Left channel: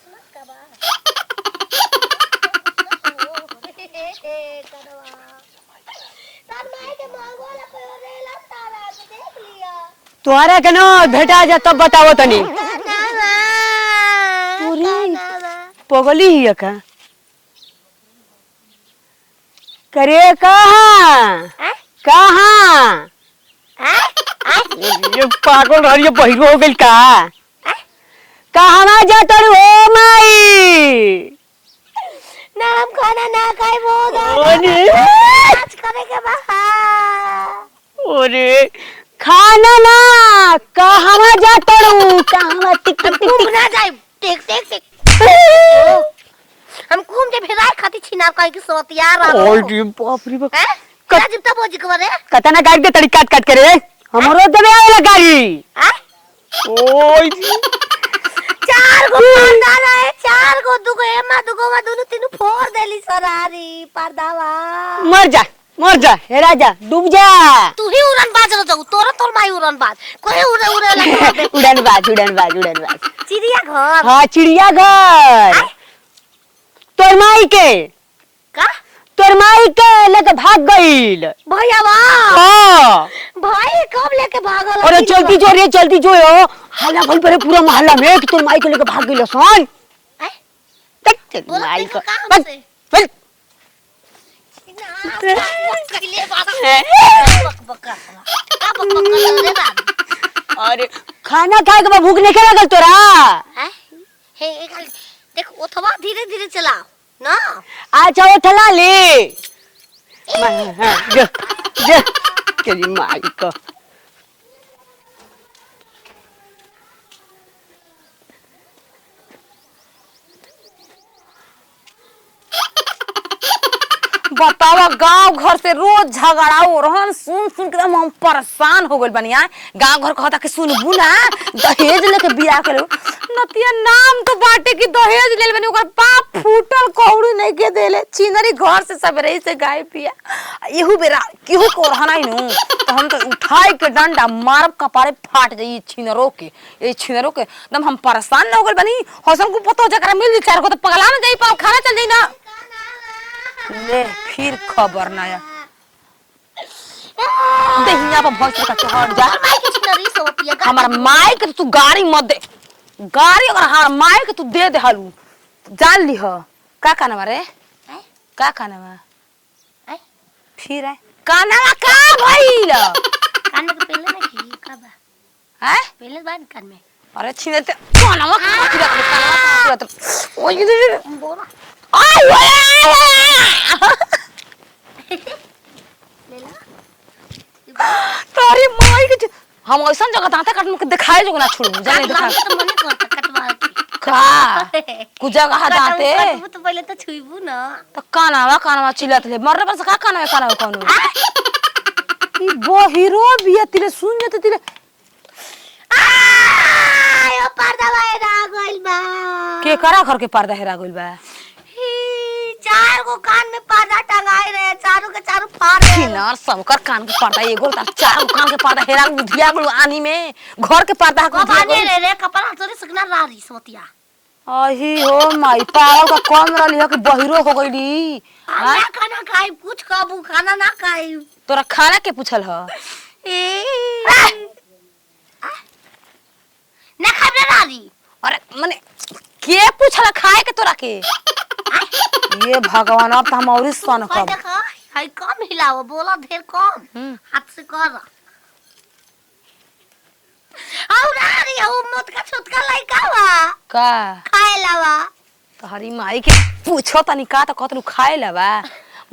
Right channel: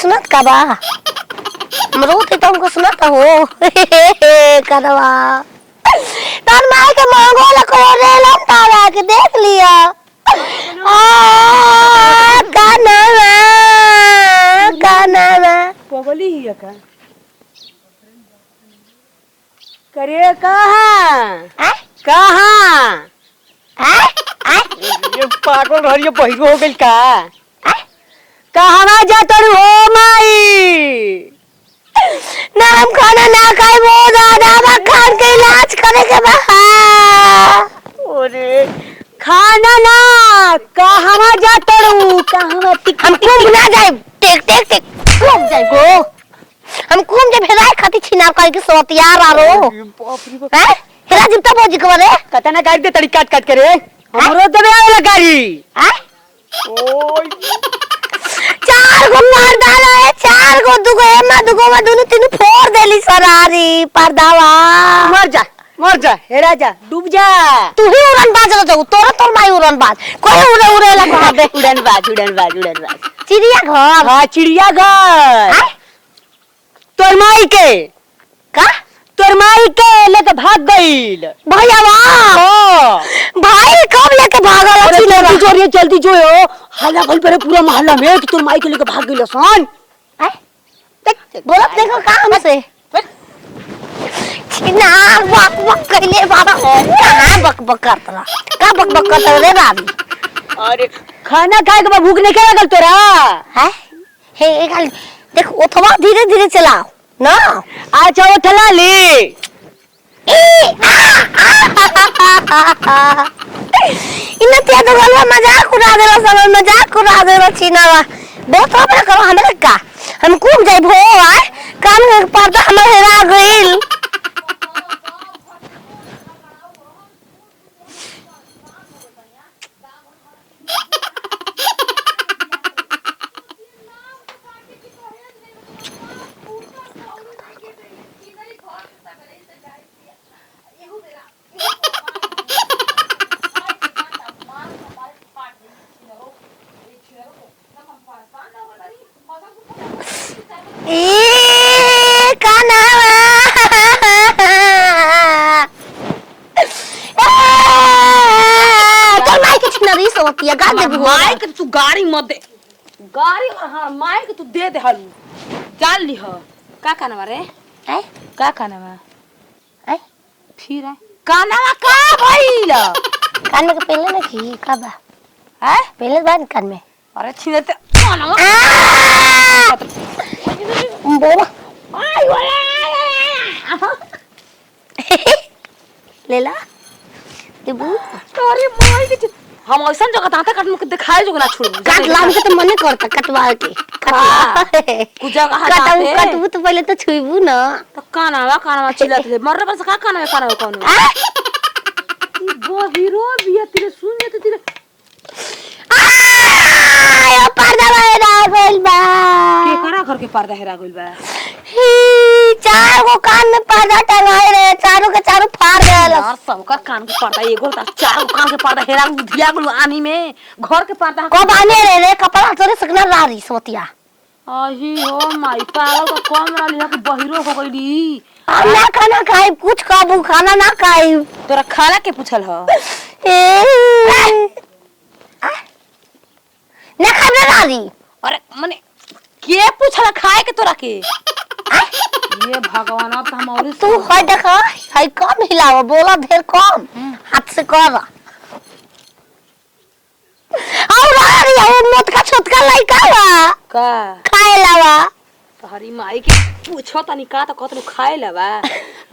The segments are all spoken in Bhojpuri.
सुनत का बा हमरो के तुमको सुनत हो करवा तन माई के मांगो ला करे लम तारा के देख लिया तोहरा के ना भेटा जा तब बताओ तनी काना पगली हिया का करे कहां कहां ये पागल रहिए बहिरो हो गेल का कहां ना जात हो माई नाम खाना ना खाए वो दादा खान के इलाज करे के बा अरे खाना ना कहां जात हो कहां टिक हम घूम ना जाए टेक टेक टेक घूम जाए गो हम घूम जे भेराय खाती छिना कर के सोत यार आ रो अरे बाप रे बाप हैं तेरा जितना बोझ करे कतना गाड़ी दे तड़ी काट काट करे हमरो देबे आवेला गाड़ी हां ओय चार गो पर्दा है चार गो दुगो एमा दुगो में दोनों तीनों फोड़ देली सरारी पर्दावा मर जा हेरा जा डूब जा तू ही उड़न बाज रो जाऊ तोरा तोर माई उड़न बाज कोई उड़े उड़े ला कह दे उड़न बाज चिड़िया घर हां चिड़िया घर तोर माई के का तोर माई के लेके भाग गइल भैयावा हां भाई कब लेके भागल अरे जल्दी जो हल्ला भल परे पूरा मोहल्ला में कि तोर माई के लेके भाग गइल सन बोलत देखो का हमसे छिना बक बक कइले बाबा बक बक करतला का बक बक करत रे बाबू अरे खाना खाए के भूख नहीं खा कर तोरा है हे एक देख ओथवा धीरे धीरे चलाओ ना अच्छा उठला ली इना ते तो गलवा मजाक उड़ा देला सब मजाक उड़ा देला छिनावा बहुत अपना करो हमरे का हम कूद जाए भो आए काम के पर्दा हमर हेरा गइल बतावा गांव घर से रोज झगड़ा हो रहन सुन सुन के हम परेशान हो गइल बनिया गांव घर कहता कि सुनबू ना दहेज लेके बियाह के नतिया नाम तो बाटे की दहेज ले बनी ओकर पाप फूटल कौड़ी नहीं के देले चिनरी घर से सबरे से गाय पिया एहू बेरा केहू को रहना नु तो हम तो उठाई के डंडा मारब कपारे फाट जाई छिनरो के ए छिनरो के एकदम हम परेशान हो गइल बनी हसन को पतो जकरा मिल चार को तो पगला ए काना माई के तू गाड़ी मत दे गाड़ी अगर हां माई के तू दे दे हालू जान ली हो का काना रे ए का काना बा ए फिर है काना का भइल कान में पहले में की का बा हैं पहले बार कान में अरे छीने ते ओए बोला लेला तोरी माई के हम ऐसा जगह ताते काट के दिखाए जो ना छोड़ काट लाग के तो मन करता कटवा के कुछ जगह हटाते कटबू तो पहले तो छुईबू ना तो कानावा चिल्लात ले मर बस का कानावा कौन ई बो हीरो भी तेरे सुन ले तो तेरे आ पर्दा हेरा गइल बा के करा घर के पर्दा हेरा गइल बा चार गो कान में पर्दा टंगाए रहे चारों के चारों फाड़ रहे यार सबकर कान के पर्दा एगो त चार कान के पर्दा हेरा बुधिया को आनी में घर के पर्दा को बाने रे कपड़ा तोरे सकना रारी सोतिया आही हो माई पागल का कौन रहली है कि बहिरो हो गइली ना खाना खाई कुछ काबू खाना ना खाई तोरा खाना के पूछल ह ना खाना रारी अरे माने के पूछला खाए के तोरा के ये भगवान अब तो हम और तू हाय देखा हाय कम हिलावा बोला ढेर कम हाथ से कर और रारी और मोट का छोटका लइका बा का खाए लावा तो हरी माई के पूछो तनी का तो कतलू खाए लबा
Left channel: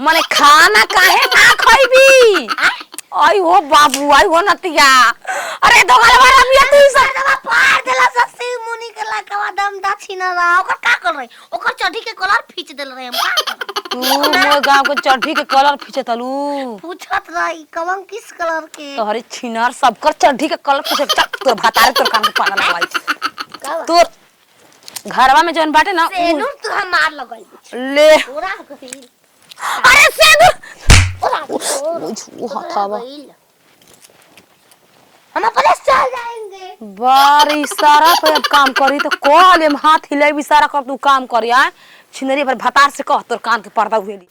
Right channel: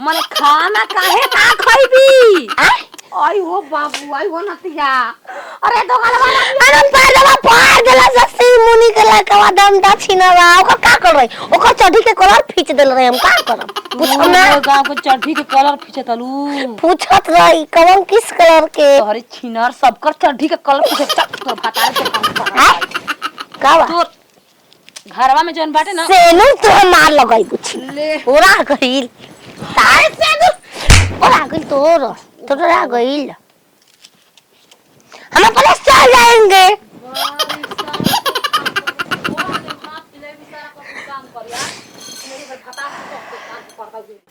माने खाना काहे ना खइबी आई ओ बाबू आई ओ नतिया अरे तो गल वाला बियान साइडवा पार गेला जस्ती मुनी के लइका दम दा छिनवा ओकर का कर रही ओकर चढ़ी के कलर खींच देल रहे हम का करब हमारे गांव के चढ़ी के कलर खींचतलू पूछत रही कौन किस कलर के तोहरी छिनर सबकर चढ़ी के कलर खींचत तो भतार के काम पाना का बा तो घरवा में जौन बाटे ना सेनु तो मार लगई कुछ ले पूरा गइल अरे सेनु और आ गई तो आ गई हम अपने चल जाएंगे बार इशारा पे काम करी तो कॉल हाथ हिलाई इशारा कर तू काम करिया छिनरी पर भतार से कह तोर कान के पर्दा उहेली